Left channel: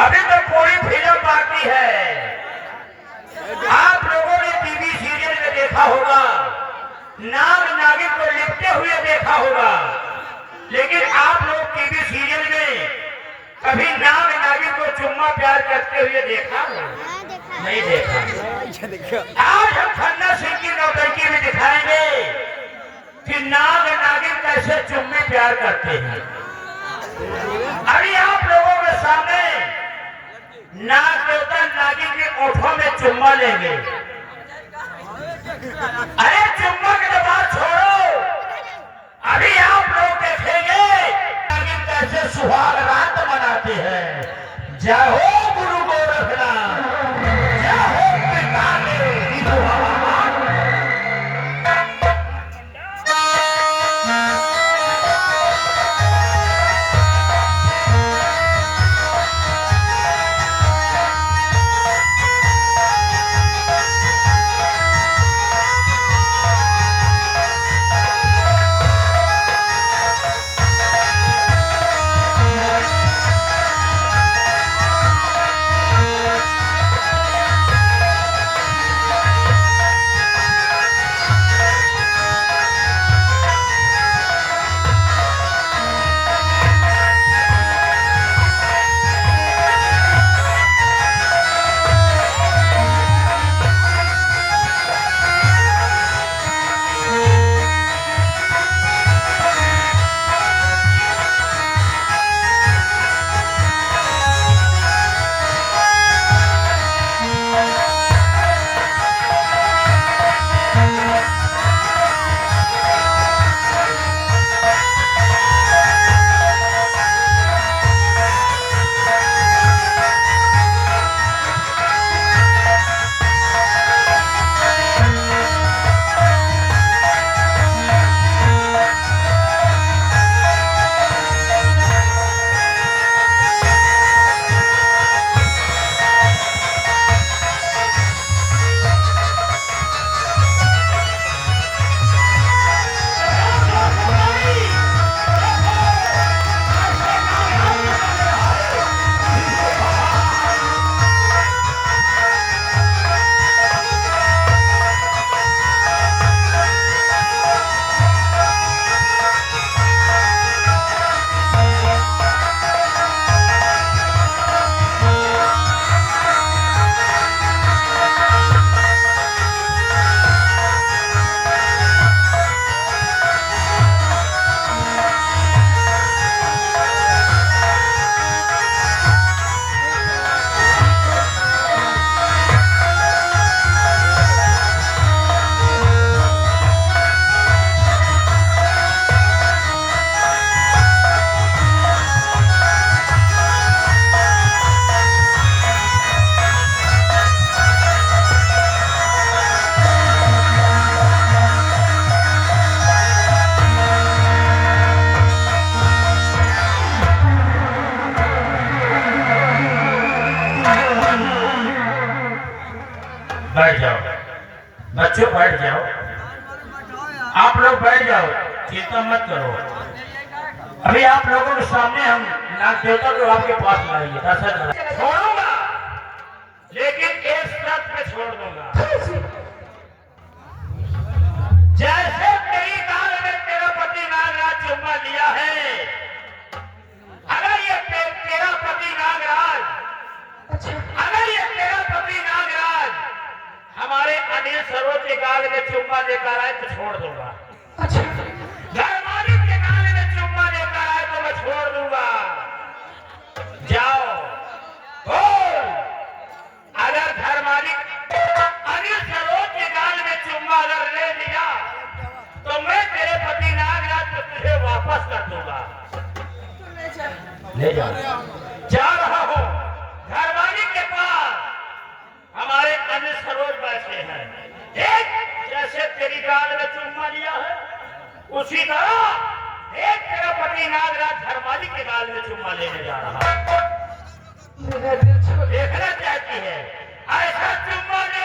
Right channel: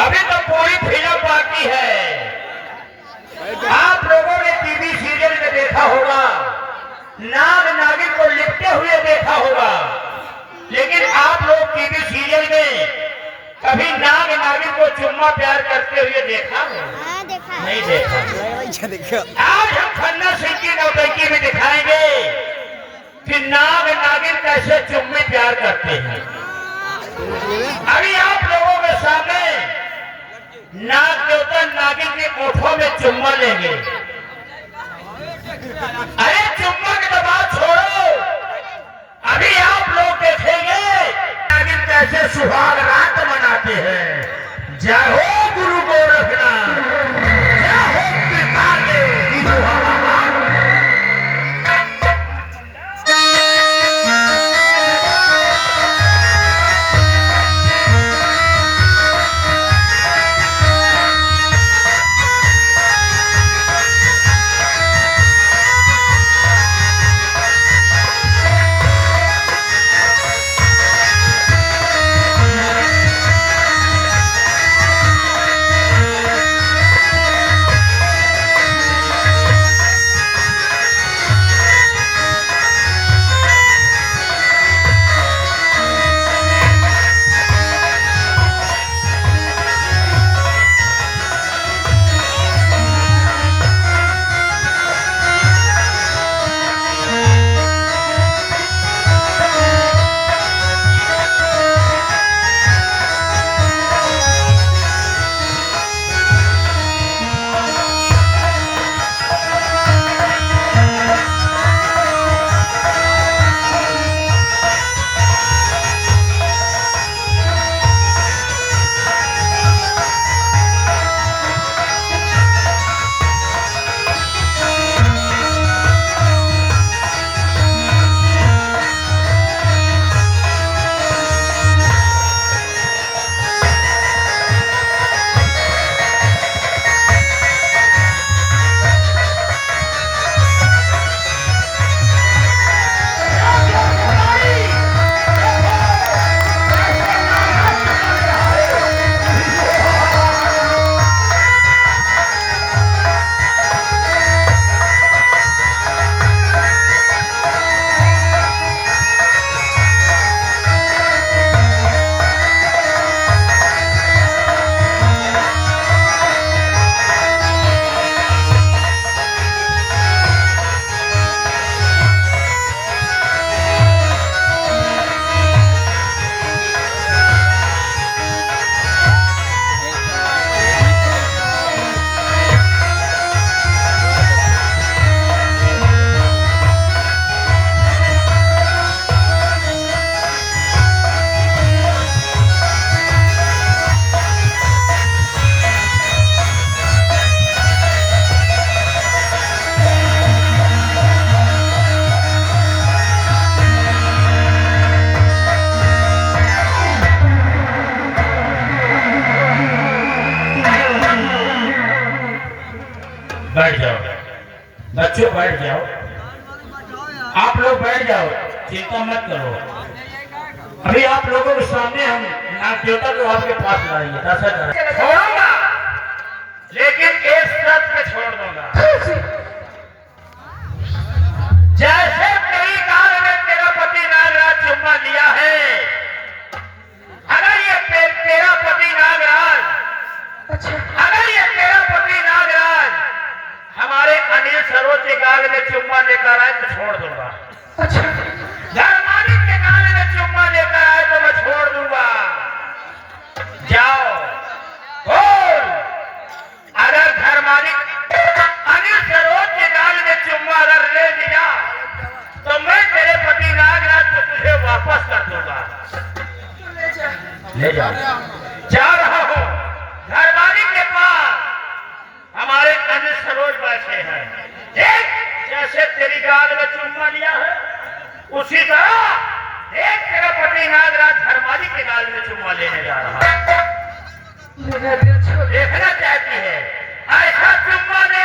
अभी तो पूरी फिल्म बाकी है। आप लोगों ने टीवी सीरियल में देखा होगा, नाग नागिन को लिपटे हुए देखा होगा, लेकिन आप लोग टीवी सीरियल में कभी नाग नागिन को चुम्मा प्यार करते हुए देखा है? नहीं देखा। आज हम खन्ना सिंह की नौटंकी में दिखाएंगे कि नाग नागिन कैसे चुम्मे प्यार करते हैं। अभी आप लोगों के सामने नाग देवता नागिन के ओठों में चुम्मा लेंगे। अरे चुम्मा के तो बात छोड़ो, अभी आप लोग देखेंगे नागिन कैसे सुहाग रात मनाते हैं। जय हो गुरु गोरखनाथ, जय हो पिताले बैठ जाओ बच्चों, बैठ जाओ। आप लोग बैठ जाओ, चिंता मत करो। अभी आप लोगों के सामने हम नाग देवता को आपके पास लाएंगे। छोड़ूंगा, लेकिन एक शर्त पे छोड़ दूंगा। जैसे कई काल में तेरा पति नागराज चुम्मा लिया है, अगर ये तेरा पति नागराज, अगर ये तेरा पति नागराज हमारे अनिल सरोज के गाल में चुम्मा लेकर आए तो छोड़ दूंगा। घर मालिक के गाल में चुम्मा लेकर आए तो मैं छोड़ दूंगा। जाओ बोल, अगर घर मालिक अनिल सरोज के गाल में चुम्मा अगर ले लिया तो मैं तेरे पति नागराज को तुझे वापस कर दूंगा। ले जाओ। जा रहा हूं घर मालिक के पास, हमारे अनिल सरोज बैठे हैं। देख, जैसे तेरी गाल में चुम्मा लिया है उसी तरह देख तेरा पति नागराज धर्माली के गाल में चुम्मा लेने जा रहा है। देखना चाहती है ऐसा चुम्मा ले